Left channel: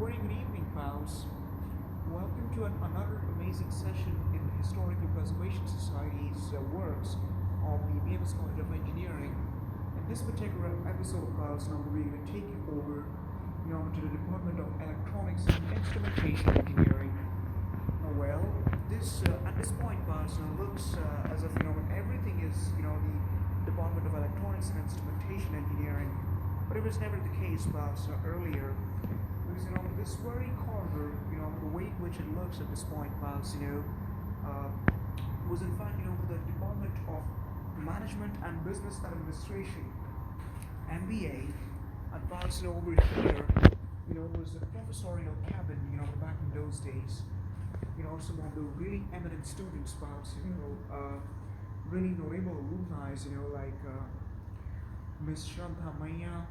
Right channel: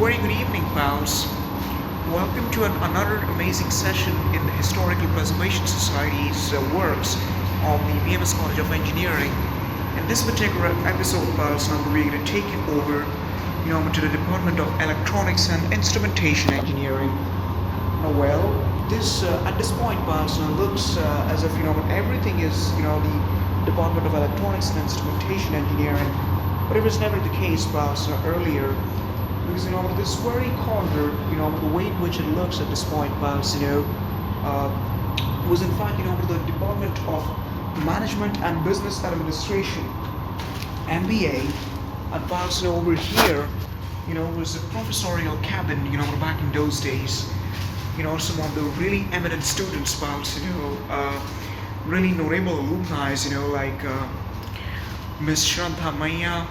Very good evening, pals. Welcome to another amazing session in the Historical Preservation Society's works of the BMS College of Engineering. In this particular episode, pals, we're going to take you over, to the Department of Electronics and Instrumentation Engineering. This at this point, pals, looks as if everything is the Department of Electronics and Instrumentation Engineering, but it was never the case, pals, earlier. Because this very corner, the way in which it looks at this point, pals, was in fact the Department of Management and Business Administration, MBA, and pals, over here, was a professorial cabin, back in those days. Some of the really eminent students, pals, really notable alumni, like Miss Shraddha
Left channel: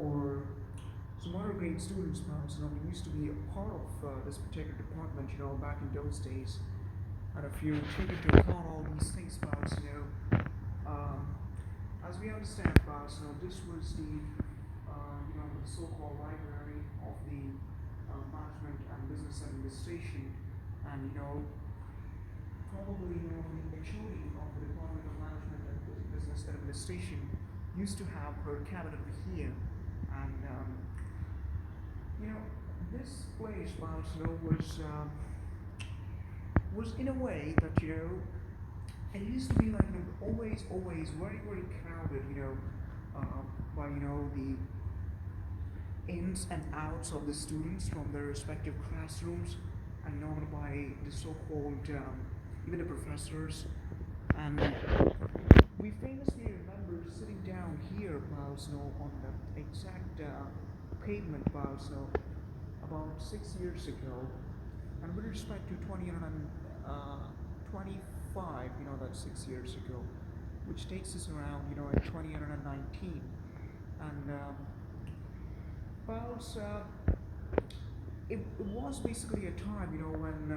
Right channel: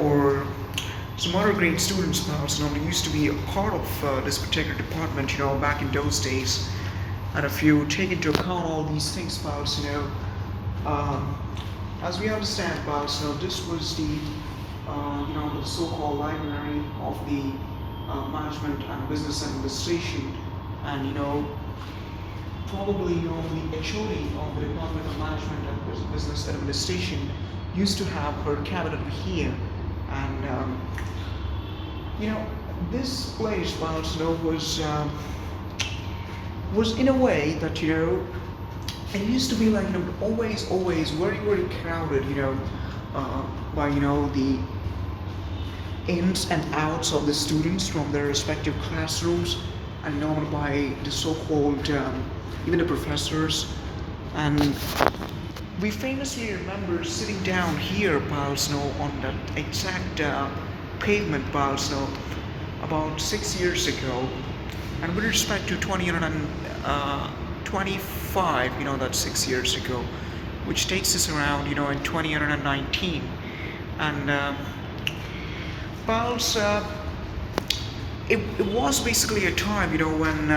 or some other great students, pals, used to be a part of this particular department, back in those days. And if you take into account all these things, pals, as we understand, pals, this was the so-called library of the Management and Business Administration, and probably the HOD of the Department of Management and Business Administration used to have her cabinet here. And this place, pals, was in a way that it used to be like always very crowded, by the ins and outs of the students from their respective classrooms, and by the so-called even the professors. And we famously remember sitting down here, pals, on that exact pavement, pals, about 6 years ago. And with respect to 2025, that's 6 years ago, which takes us around, in 2019. And pals, it was basically a time, when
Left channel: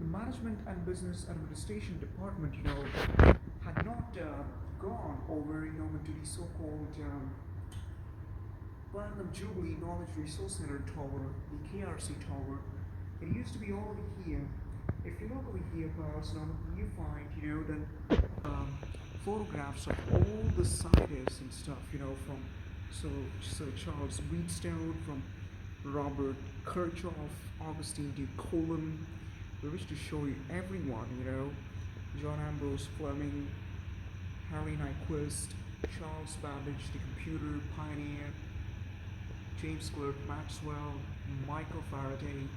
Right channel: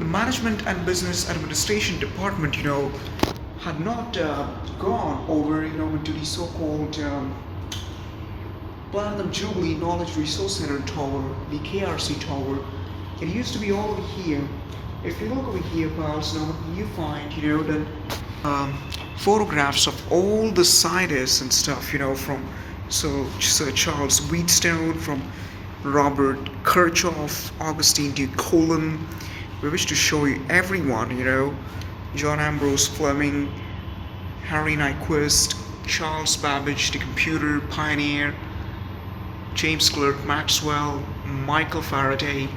the Management and Business Administration Department, had not gone over, into the so-called Platinum Jubilee Knowledge Resource Center Tower, the KRC Tower. It used to be all over here. If you look over here, pals, you find, that photographs of all the scientists and stuff, from Sir Charles Wheatstone, from Robert Kirchhoff, Augustine de Colin. We wish to show you everyone, John Ambrose Fleming, Harry Nyquist, Charles Babbage, the computer pioneer, James Clerk Maxwell, Michael Faraday,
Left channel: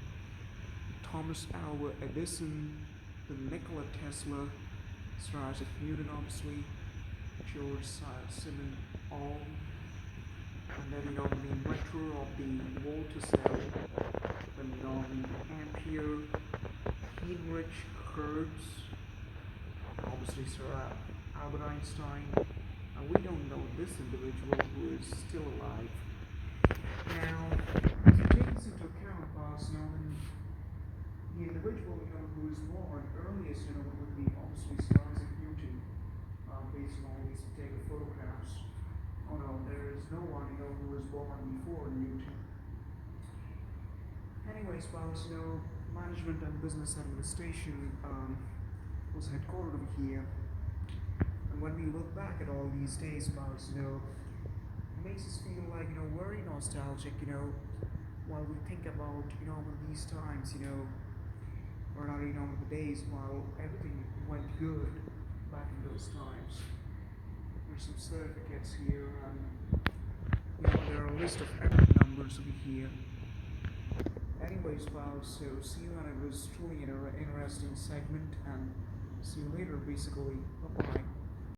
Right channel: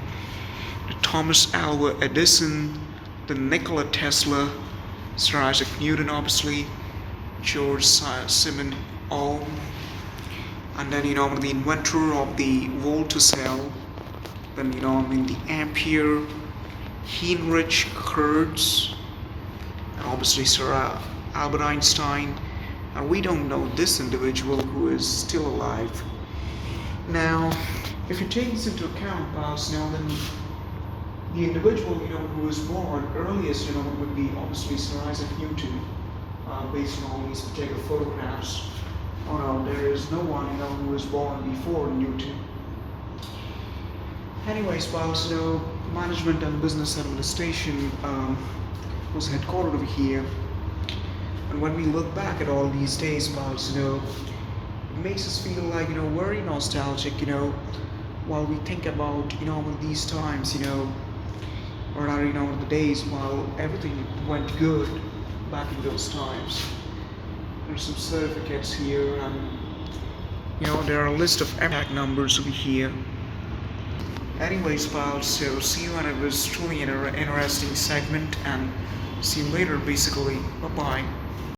the Thomas Alva Edison, the Nikola Tesla, Sir Isaac Newton, obviously, George Simon Ohm, and then the inventor of the voltacell, then the ampere, Heinrich Hertz, and obviously Sir Albert Einstein. And we don't know this individual who is still alive. Now, if you take this into account, pals, then the individual who was born earliest would be obviously Sir Isaac Newton, based on all these particular photographs. Oh no, there is no one who was born before Newton. Anyways, pals, Management and Business Administration was headquartered over here. And when we look back at all these days, pals, it makes us feel like, very nostalgic, while we think about, these times, or rather, the days while everything went good back in those times. There's some certificates here, and, there are a list of tag numbers over here. Anyways, pals, so see you, and it was truly an interesting segment, and see you later, basically. Bye-bye.